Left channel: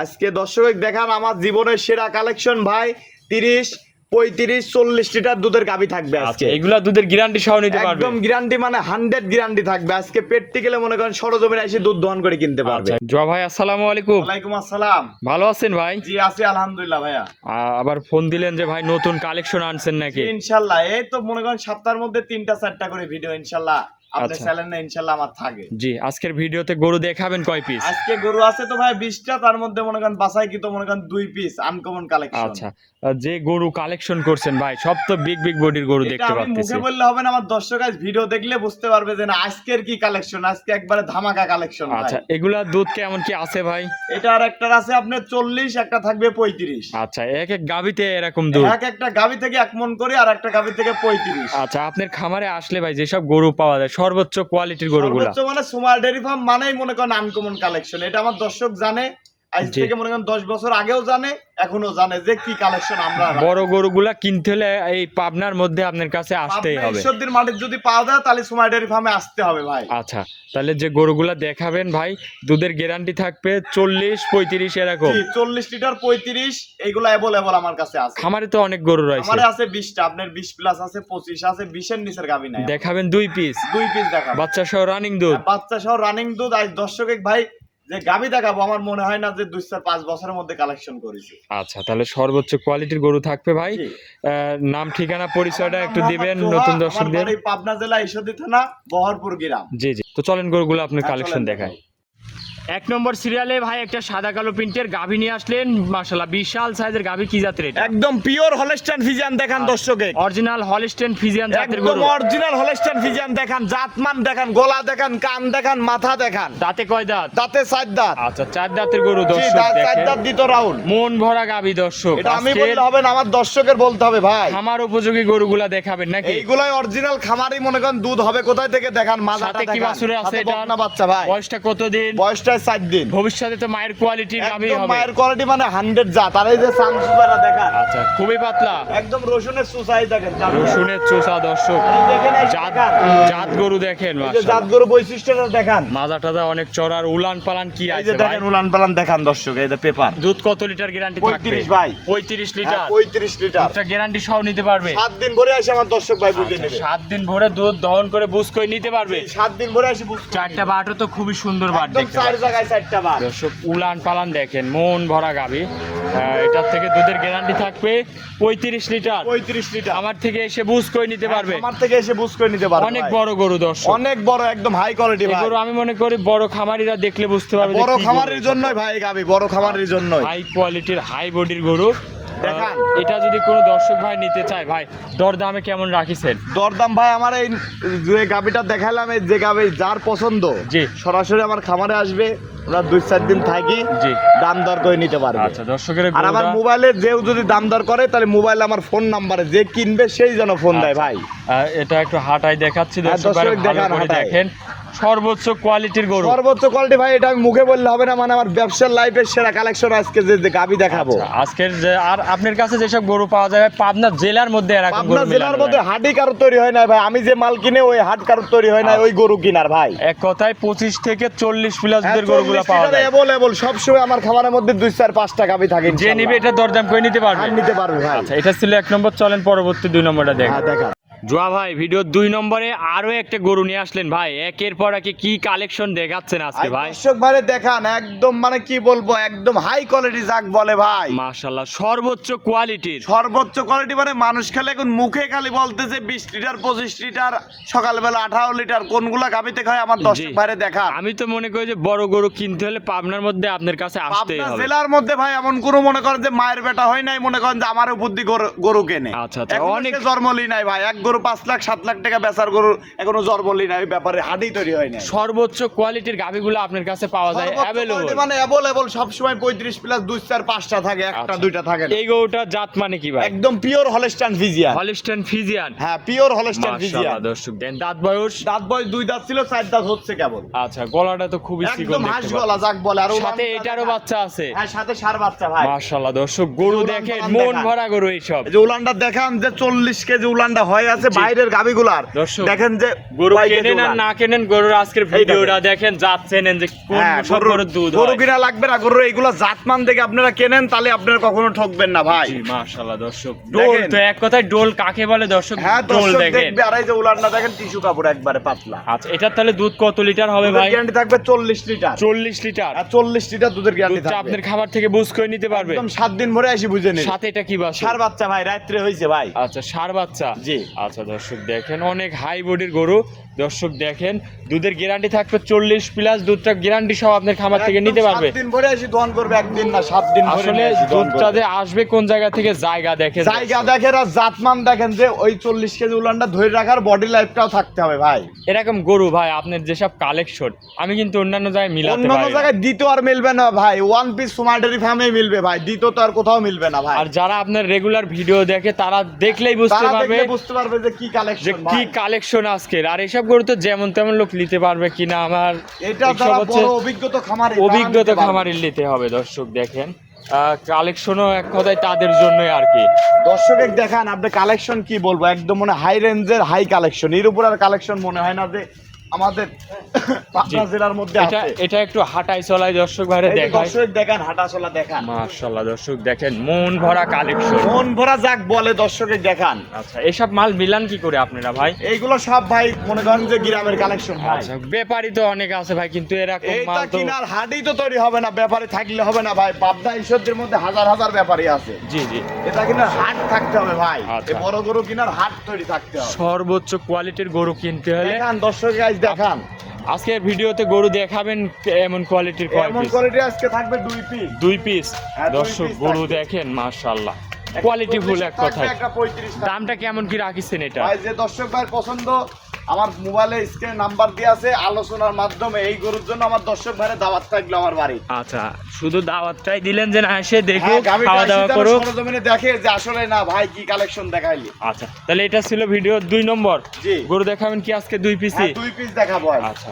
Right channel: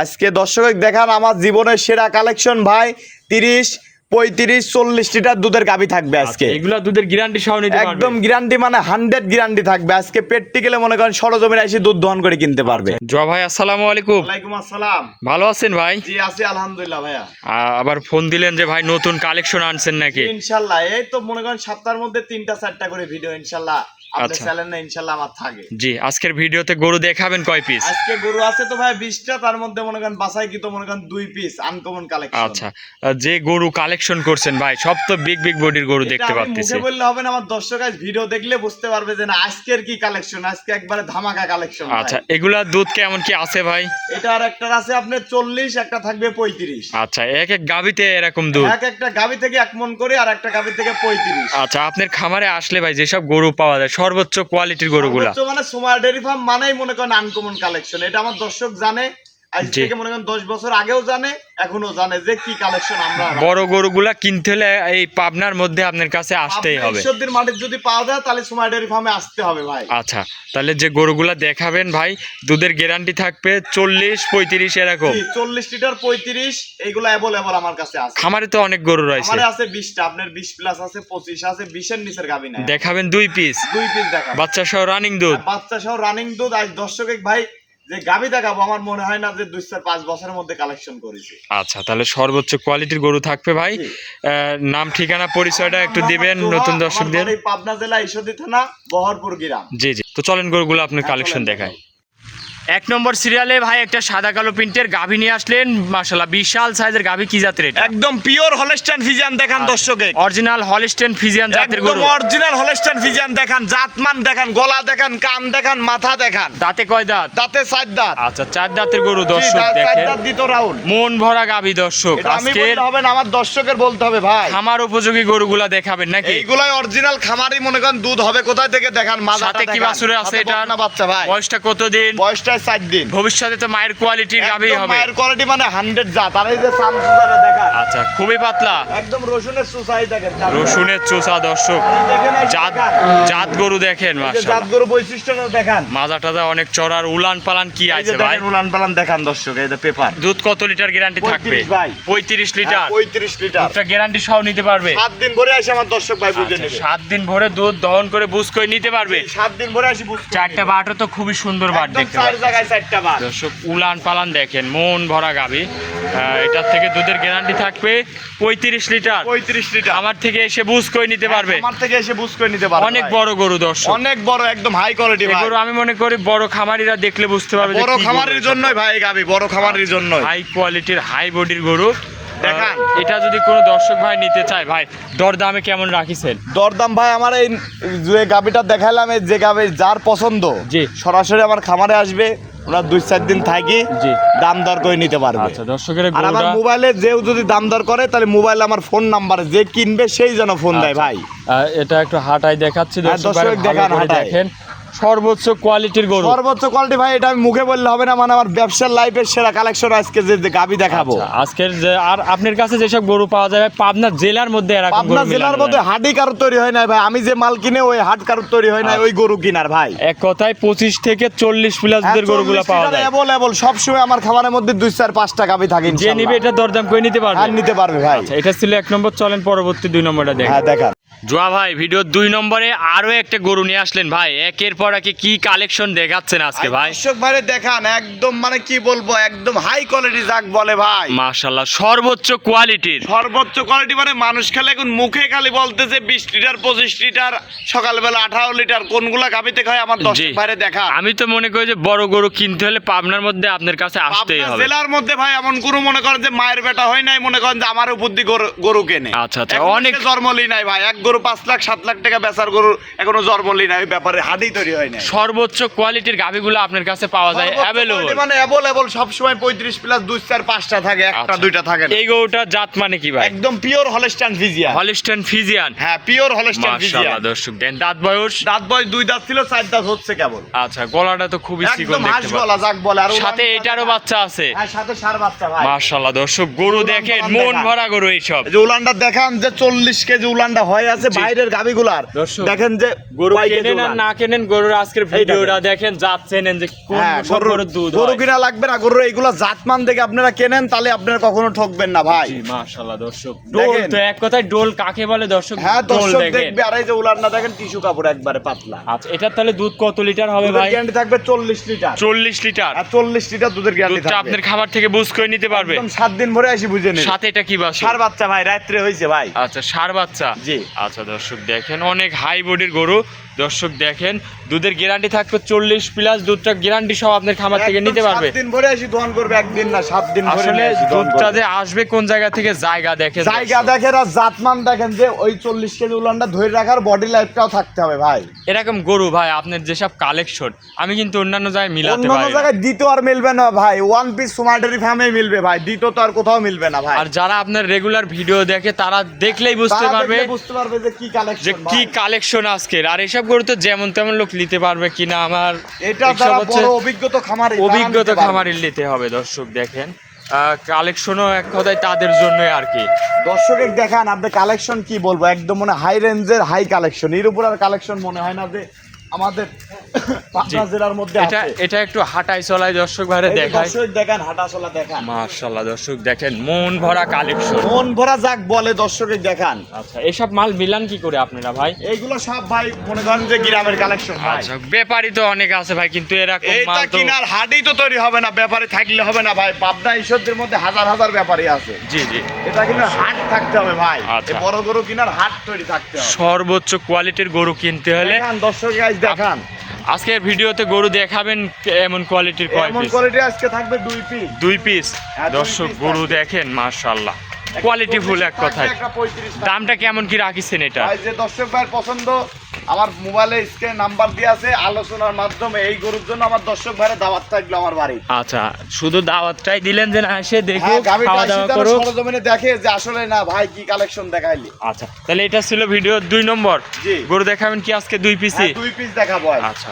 আজকে দর্শক দেখান আমার জীবনের সেরা কালেকশন ভাই। 30, 35, 40 লিটার দুধের গাভী থাকবে আজকে। এগুলা দুধের গ্যারান্টি সহ নিতে পারবে? একদম গ্যারান্টি, মানে 100 গ্যারান্টি থাকবে। আজকে প্র্যাকটিক্যালি মনে করেন সরজমিনে এসে দুধ দহন করে কিনতে পারবে। জয় ভাই, আসসালামু আলাইকুম। ওয়ালাইকুম আসসালাম। ভালো আছেন ভাই? জি আছি আলহামদুলিল্লাহ ভাইয়া। আবার ফোন দিলেন যে ভাই নতুন কালেকশন আনছেন নাকি? ইনশাআল্লাহ এই তো মনে করেন সপ্তাহের মধ্যে 3টা 4টা করে ভিডিও ইনশাআল্লাহ আপনি আচ্ছা। চ্যানেলে ইনশাআল্লাহ আমার থাকে। জি, আজকের ভিডিওতে গরু দেখাবেন কয় পিস? আজকে গরু আছে তো ভাই 20টা, তার মধ্যে মনে করেন বাছাই কি তো মনে করেন 2 পিস আনকমন কালেকশন। আচ্ছা, যে গরু কালেকশন করছেন ভাই সব তো বিগ বিগ বডির গরু দেখতে পাচ্ছি। মুখে বললে হবে না, আমার দর্শক আজ ভিডিও দেখলে বুঝতে পারবে যে না আজকের কি কালেকশন, আজকে একবারে ধামাকা কালেকশন। আচ্ছা, এগুলা দুধ কেমন কি আছে ভাই? এটা আর একটা আছে আপনার 40, একটা থাকবে 35। আচ্ছা, এক এক গাবিতে এরকম দুধ? একটা গাবি থেকে 1 মণ করে আর একটা গাবি থেকে 35। আচ্ছা, আপনার খামারে আসলে ভাই যেসব গরু পাওয়া যায় সর্বোচ্চ কোয়ালিটির গরুগুলা? সর্বোচ্চ মানে সুমার ডেয়ারি ফার্ম মানেই মনে করেন আনকমন কালেকশন। এটা আমার দর্শক জানে, আজ থেকে মনে করেন 10 বছর আগেও জানে, এখনো জানে যে কি কালেকশন আমরা। বড় গরুগুলা কিনতে হলে এই পাবনার মধ্যে আপনার কাছে আসতেই হবে। ঈশ্বরদীর মাঠে যদি পাওয়া যায় তাহলে সুমার ডেয়ারি ফার্মে আসতে হবে ভাই। আচ্ছা, তাহলে যে গরুগুলা দেখাবেন ভাই দুধের গ্যারান্টি থাকবে 40, 35 এরকম? 40 লিটার 35 এইগুলা अवेलेबल আমার কাছে আছে। খামারে তো অনেক গরু রয়েছে। আমারে আছে 20টা, আপনার 20 প্লাস আছে, 25 আছে, 20 এর নিচের গাবি নাই। দেখাবেন 2 পিস? 2 পিস দেখাবো, বাচ্চা সহ রানিং দুধ। বাচ্চা সহ রানিং দুধ। আজ দর্শক ভাই যে গাবি দেখাবো আমার মনে হয় না যে 2-4-5 বছরের মধ্যে কালেকশন করেছি। আচ্ছা, তাহলে সর্বোচ্চ কোয়ালিটির গরু থাকবে ভাই। নাম ঠিকানা পরিচয়টা একটু দিবেন নতুন দর্শকদের। আমার পাবনা জেলা ঈশ্বরদী থানা বহরপুর গ্রাম। জি জি, তো চলেন গরুগুলো আপনার কালেকশন দেখাই। 1 নম্বর সিরিয়ালে ভাই একটা সাদা কালো প্রিন্টের গাভী নিয়ে আসলেন, মাশাআল্লাহ বিশাল সাইজের গাভী। কি জাতের এটা? একদম পিওর হলস্টাইন ফ্রিজিয়ান দেখান দর্শকে। অরিজিনাল হলস্টাইন ফ্রিজিয়ান জাতের গরু। একদম অরিজিনাল হলস্টাইন ফ্রিজিয়ান দেখান, জাতমান দেখান, গলা দেখান, কান দেখান, মাথা দেখান। দাঁতে কয় দাঁত? দাঁতে 4 দাঁত। আচ্ছা, 4 দাঁতের গরু দর্শক দেখেন। 4 দাঁত দিতো রাউন্ড। মন ভরা গাভী দর্শক। আজকে হবে না, আমার দর্শকের বলতে হবে ভাই। খামার উপযোগী গরুগুলা দেখাবেন নাকি? এইগুলাই অরিজিনাল খামারি মনে করেন দুধ হবে কোথায় থেকে দেখান। সাথে কি বাছুরে আছে এটা? না বাচ্চা ভাই। বয়সটা কতদিন? বয়সটা 4 দিন। ভবিষ্যতে তো মায়ের কোয়ালিটির গাভী হবে। মায়ের কোয়ালিটি মানে 100 জাত। আর এই যে সামসুদারা দেখান। আচ্ছা, খুবই পাতলা। একদম রসুনের চুষাই দেখেন। রসুনের চোষা দর্শক। জাত গরু দেখেন মাশাআল্লাহ। জাত গরু বৈশিষ্ট্যটা দেখান। মাজা টাজা অনেক চড়ার, উলান পালান কি আছে ভাই? উলান পালান দেখান দর্শক। এই যে পেপার। দুধ কত লিটার গ্যারান্টি থাকবে? 35 ভাই। 35 লিটার। 35 লিটার। একটা গ্যারান্টি সহ নিতে পারবে? 7 দিন ভরে আসে আমার দর্শক ভাই বুঝে নেবে। 7 দিন ভরে দুধ দহন করে বুঝ করে নিতে পারবে। 7 দিন ভরে আসি বুঝ। 4টা বাটও তো খুবই সুন্দর বাট একদম দেখতে 4 জায়গায় 4টা বাট। দর্শক উলান পালান দেখেন, মন ভরা গাভী। এটার থেকে দুধের গ্যারান্টি থাকবে 35 লিটার। 35 লিটার। আমার থেকে এসে বুঝ করে নিতে পারবে। আমার থেকে এসে বুঝ করে নিতে পারবে। অনেক বড় গরু দর্শক, অনেক বড়, একদম হাই কোয়ালিটি ভাই। গরু আমি মনে করি বড় খামারিরা দেখলে বুঝতে পারবে বড় খামারের জন্যই ভাই গাবি, বড় খামারের জন্যই। হাই কোয়ালিটির হাই বডির গরু দেখান। এটা যদি কোনো দর্শক ভাই নিতে চায় ভাই দরদামে কেমন রাখিছেন? দরদাম ভাই আমার এই যে গাবিটা দেখাইলাম, এই যে গাবি যার পছন্দ জি সরাসরি আমার খামারে আসবে, ওনার 2-4 দিন থাকি জি দাম দর করে নিতে পারবে। আচ্ছা, দর্শকের আর আমার মোবাইলে যেও যদি দাম দর করে তাহলে মোবাইলে আমার ফোন নাম্বারে যে কিনবে সেই যেন ফোন দেয় ভাই। এটা একটু হাঁটাই দেখাচ্ছি দর্শক দর্শক ভাই, দেখান, ভালো করে হাঁটাই। দেখেন। সর্বোচ্চ কোয়ালিটির গরু, সর্বোচ্চ কোয়ালিটি ভাই। এটা আমি মুখে বললে হবে না, মানে আমার ব্যবসার লাইফের সেরা কালেকশন আজকে যে গাবি দেখাবো। আচ্ছা, আজকের যে আর আপনার কাছে যেসব গরু পাওয়া যায় পাবনা জেলার মধ্যে এরকম গরু পাবনা জেলার মধ্যে হাডি কারো তৈরি হয় না ভাই। আমি যে মাল কিনে ওই হাট কারো তৈরি হয় না, ওই গরু কিনার ভাই। এক কথায় 25 থেকে 40 প্লাস দুধের গরুগুলো পাওয়া যায়। अवेलेबल সব সময় আমার খামারের মধ্যে 2-4-5টা গাবি থাকে। যে নিবে এটা দরদাম করে নিতে পারবে। নিতে পারবে ভাই। আচ্ছা, এটা ছিল 1 নম্বর। চলেন পরবর্তী 2 নম্বরটা দেখেন। হ্যাঁ দেখা। জোয়া ভাই ভিডিও 2 নম্বরে আরো একটা গরু নিয়ে আসলেন ভাই। একের পর একে কি কালেকশন দেখাচ্ছেন আজকে ভাই? দর্শক ভাই দেখান, একদম মানে কি বলবো, একদম হাই কোয়ালিটি যাক বলে ভাই। মাশাআল্লাহ, সর্বোচ্চ কোয়ালিটির। সর্বোচ্চ কোয়ালিটি মানে মানুষ খালি এখন মুখে খালি বলতেছে 20 লিটার 25 লিটার, সকালবেলা 18 লিটার, কোনগুলা গাবিতে খায় আমার দর্শক ভাই দেখা। আমি তো মনে করি যে বড় গরু কিনতে হলে পাবনার মধ্যে আপনার কাছে আসতেই পাবনা হবে। জেলার মধ্যে ভাই এমন কোনো মনে করেন যে মায়ের বেটা হয় নাই, মনে করেন যে আমার উপর দিয়ে গরু কেনে। আচ্ছা আচ্ছা, এখনো অনেক সে জন্মলি নাই ভাই। এক গরু 5 লাখ 7 লাখ টাকা বেচার গরু এখনো জন্মলি নাই, ব্যাপারে হাডি তৈরি হয় না। সর্বোচ্চ কোয়ালিটির গাভিগুলো আপনার কাছে পাওয়া যায় अवेलेबल। মানে अवेलेबल সব সময় 35 প্লাস 2-4-5টা থাকে, একটা 2টা থাকে না। এই গরুটা জাত মানে কি ভাই? একদম pure Holstein Friesian. Holstein Friesian. হ্যাঁ, পিওর হলস্টাইন ফ্রিজিয়ান। মাশাআল্লাহ দর্শক দেন। দাঁত বয়স? দাঁত বয়স 2 দাঁত ছিল, 4 দাঁত হচ্ছে কেবল। আচ্ছা, গলাটা তো খুবই চিকন একদম দেখতে হাঁস গলা যাক বলে। আর সাথে এটারও বাচ্চা আছে। হ্যাঁ, সাথে সার বাচ্চা ভাই। মাশাআল্লাহ দর্শক গরু দেখেন, মন ভরা গরু এইসব। এই যে উলানটা দেখান যে 40 কেজি উলানটা হয় আছে, আছে বাইরের গাবিগুলার দর্শক, দেখেন যে গরু কয় কেজি কেনেন আর ওলান। না কেনেন গরুর আজকের ভিডিওটা দেখেন, যাচ্ছেন যে কোন হ্যাঁ, সব গরুর দুধ গরু হয়। কিনা লাগবে না, গরু এইগুলা জাতমান দেখে আপনারা কেনেন, তাহলে আপনারা কখনো ঠকবেন না ভাই। জি মাশাআল্লাহ দর্শক, ডোল দেখেন। তো এক কথায় ডোল কাকে বলে দর্শক, হ্যাঁ ডোল দর্শক দেখেন। দেখবে, আর এই যে উলান না দেখেন টিস্যু কাপড় একবারে পাতলা। আচ্ছা, এটার তাহলে দুধ কত লিটার হবে ভাই? গ্যারান্টি থাকবে 40 লিটার। 40 লিটার। আর 40 লিটার দুধের গ্যারান্টি দুধটা থাকবে। আপনার খাবার থেকে বুঝ করে নিতে পারবে। একদম 7 দিন ভরে আসি বুঝে নেন। সাথে এটা কি বাছুর? সার বাচ্চা ভাই, রাত্রে হইছে ভাই। আচ্ছা, ষাঁড় বাচ্চা। জি। আচ্ছা দর্শক দেখেন, অনেক হাই বডির গরু। দর্শক দেখেন, দুধের গ্যারান্টি থাকবে 40 প্লাস, দুধটা গ্যারান্টি সহ আপনার খামার থেকে একদম নিতে পারবে। 7 দিন ভরে আসি দহন করবে, একদিন না 7 দিন ভরে আসলে নিয়ে আসি দহন দুধটা করবে। যে আসবে কোন জায়গা থেকে, জায়গা দেখেন জায়গা দর্শক। দেখেন আর জাতমান দেখেন, যে ওই 40 কেজি উলানটা ধরে রাখার বডি লাইফটাও থাকতে হবে ভাই। এরকম গরু ভাই আপনার যেসব কালেকশন আমি কিন্তু অন্যান্য জায়গায় মিলাতে অন্যান্য পারি না। জায়গায় দ্বিতীয় আর মিলবে না ভাই, ওয়ান পিস সুমার্ডেরি ফার্মে মিলবে ভাই, দ্বিতীয় তো আর কোথাও মিলবে না ভাই। আর যারা আপনার রেগুলার ভিডিও দেখে তারা দেখলেই বুঝতে তারা পারবে দেখলে বুঝতে পারবে যে কি যে কালেকশন কি কালেকশন আজকের। আর এসব গরু তো যেমন তেমন লোক নিতে পারবে কিনা, আমার এটা এসব তারা হচ্ছে বড় অভিজ্ঞতা খামারে অভিজ্ঞতা খামারির নিতে হবে। দর্শক দেখেন, কালেকশনও এক কথায় তাদের জন্যই আর কি। দর্শকের দেখান আপনি কালেকশন কি বলবো, একদম মনে হাই রেঞ্জের হাই কালেকশন, এর উপর আর কালেকশন মনে হয় না যে আমাদের পাবনা জেলার মধ্যে এটা আছে। এটা একটু হাঁটাই চলাই দর্শক ভাইরে এই যে দেখায়। দর্শক দেখান, হাঁটাচলা দেখান, মাশাআল্লাহ দর্শক দেখেন, মন ভরা কালেকশন। মন ভরা যাক বলে দর্শকের দেখান। আচ্ছা, এসব মাল মিলান কি করে আপনারা ভাই? এইগুলো সব ভাই মনে করেন যে গ্রামের কালেকশন ভাই। আচ্ছা, ব্যাপারী তো অনেক আছে ভাই, কিন্তু এরকম এইটা মাল তো কিনার হাটেই তো তৈরি হবে না, ব্যাপারে থাকলে হবে না ভাই। পাবনা ঈশ্বরদের মধ্যে হাজার হাজার ব্যাপারী আছে, জি জি এটা কিনার হাট থাকতে হবে ভাই। আচ্ছা। এই বড় গরু কিনার হাট তৈরি থাকতে হবে। সর্বোচ্চ কোয়ালিটির গরু কিনতে হলে দেখান দর্শক গাইজ দেখান, আজকের ভিডিওতে গরু দেখাবেন এমন কোয়ালিটির কয় এমন পিস? কোয়ালিটি আজকে থাকবে 2 পিস। 2 পিস। হ্যাঁ, 2 দর্শক piece গরু থাকবে। দেখেন মাশাআল্লাহ, কোয়ালিটি ফুল এক কথায়। একটা 35 টাকা। দামটা কেমন কি রাখিছেন এটা? ভাই যে দর্শক ভাইয়ের পছন্দ, আমার মোবাইলে স্ক্রিনে নাম্বার দিয়ে আছে, আলোচনার মাধ্যমে এই গরুর জন্য আমার দর্শক ভাইয়ের দাওয়াত থাকলো আমার বাড়ি। আচ্ছা, শুধু দাওয়াতটাই দিলেন যে না এসে দেখো, হ্যাঁ, গাভীটা খাওয়া দাওয়া এসে তারা করো। সরজমিনে দেখে যে আসলে না ভাই কি কালেকশন দেখাইলি। আচ্ছা, তাহলে এটা ছিল ভিডিও 2 নম্বর। জি। গরু দেখাবেন কি আজকে 2 পিসই? 2 পিস দেখাবো ভাই। আচ্ছা,